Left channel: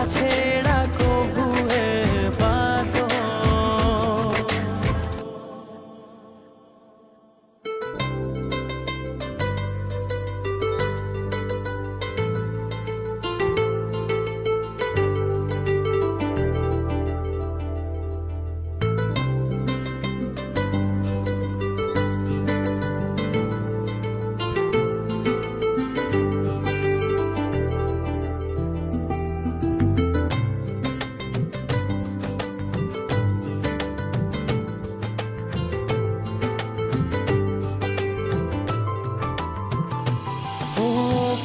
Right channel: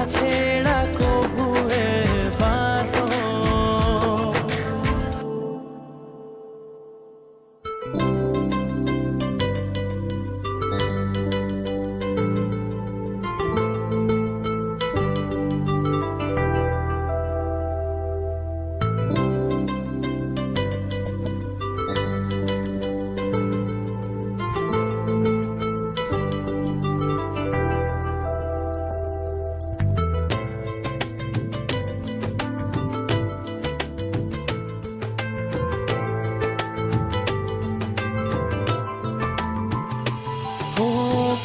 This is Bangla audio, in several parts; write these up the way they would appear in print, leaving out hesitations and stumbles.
না ছেড়া কবুয়ে বাঁধো।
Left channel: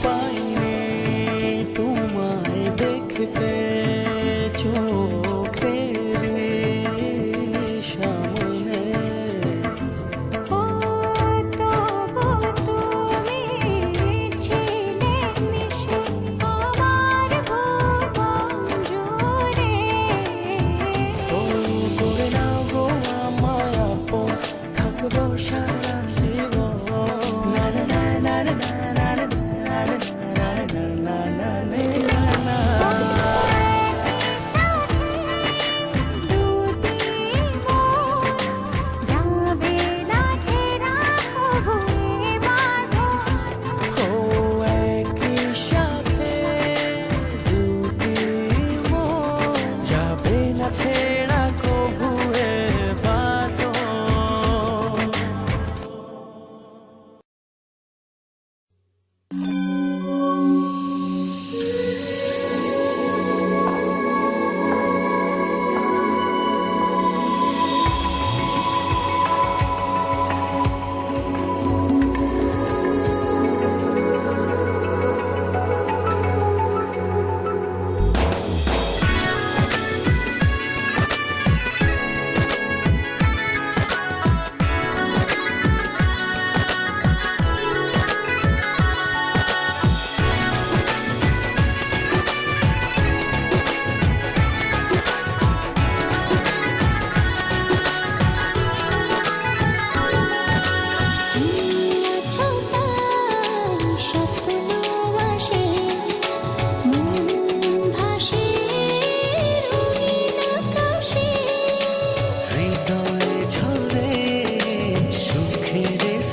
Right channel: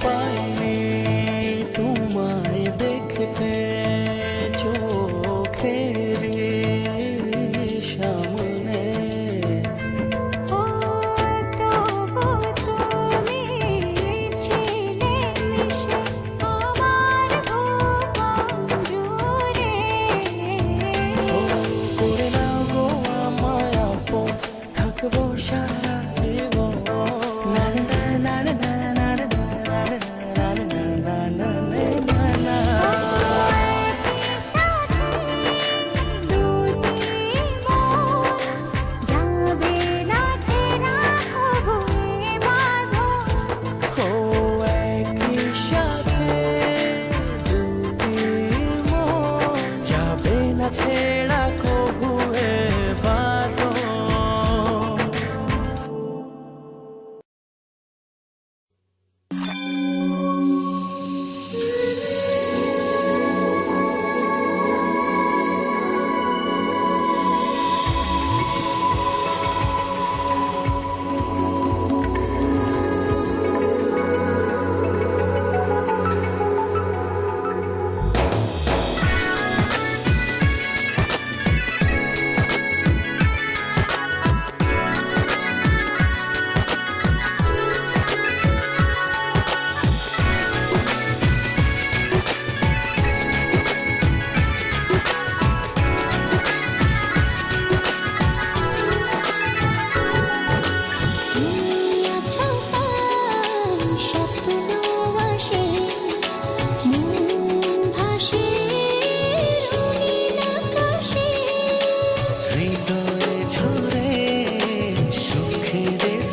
পাইনি তোমায় দেখতে চোখের সামনে, করে নাও গো আমায় আপন, থাকবো সারা জীবন। না না না না না না না না না না না না। ছেড়া কবুয়ে বাঁধো।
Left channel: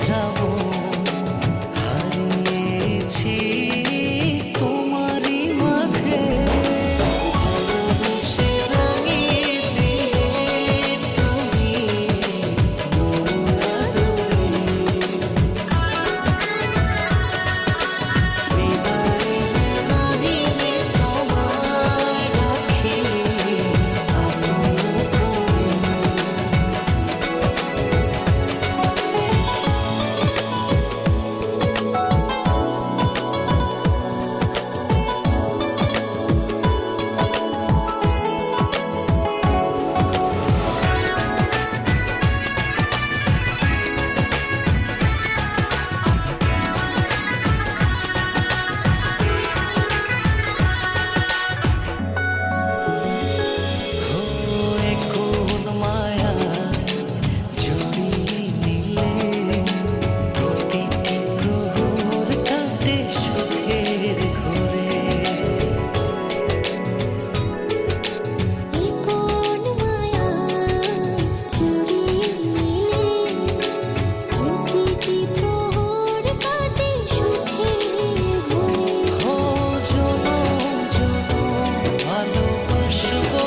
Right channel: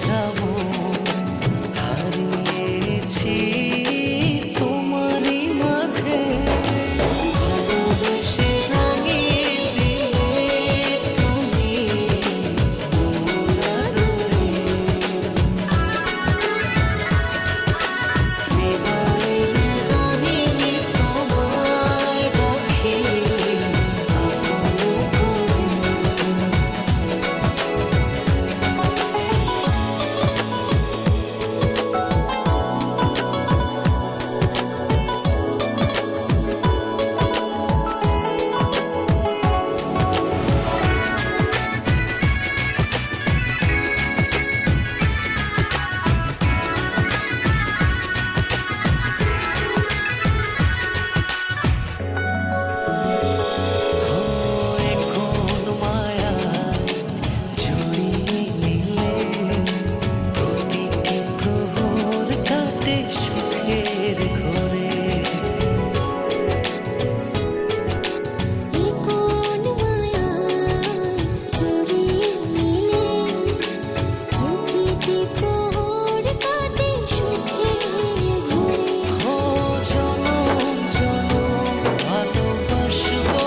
শ্রাবণ হারিয়েছি তোমারই মাঝে, ভালোবেসে রাঙিয়ে দিলে তুমি মন আদরে। হৃদয়ের গহীনে তোমায় রাখি আপন করে। সুখের ঘরে কোন মায়ায় চুরিয়ে নিলে প্রতিটি প্রহর কাটে সুখের ঘরে। ও জনম জনম ভালোবাসবো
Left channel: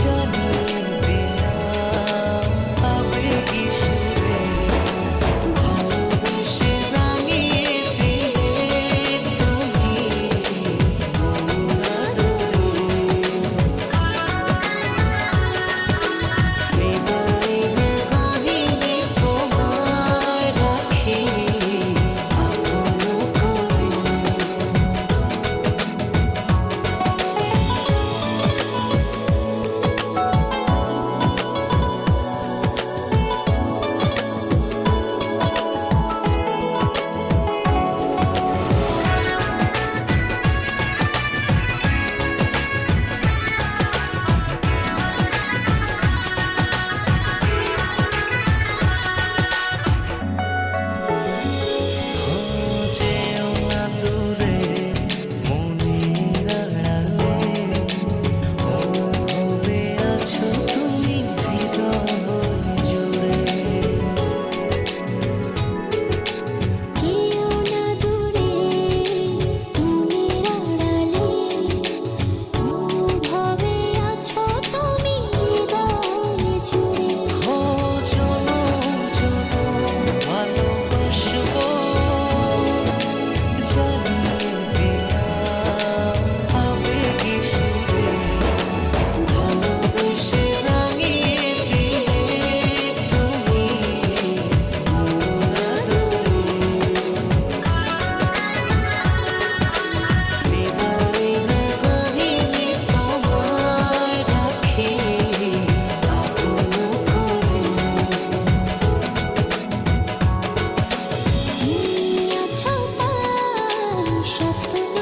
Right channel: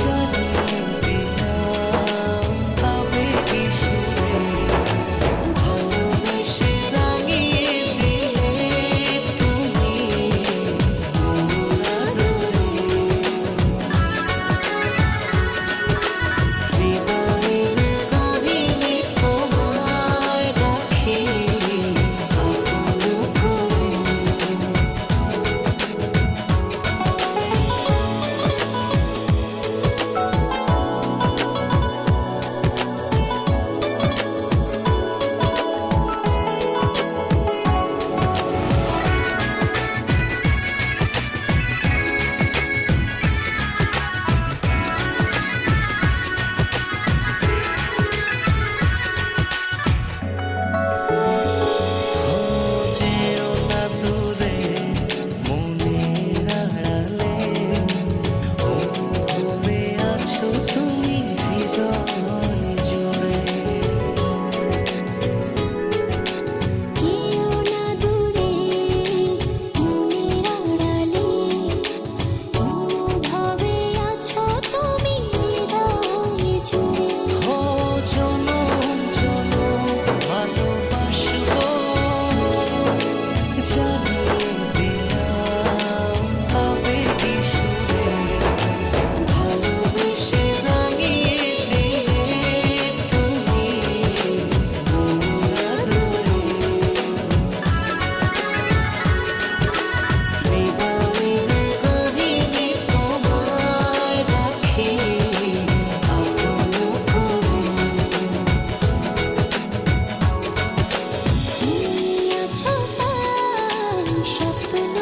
জানিয়ে দিলাম আবেগী সুরে। ভালোবেসে যেও না দূরে মনের তুমি হৃদয় জুড়ে। কেউ না দূরে মনের আড়ালে, অনুভবে আছো তুমি হৃদয় জুড়ে। ও জনম জনম ভালোবাসবো, জানিয়ে দিলাম আবেগী সুরে। ভালোবেসে রাঙিয়ে দিলে তুমি মন আদরে। হৃদয়ের গহীনে তোমায় রাখি আপন করে। তুমি আছো তাই স্বপ্ন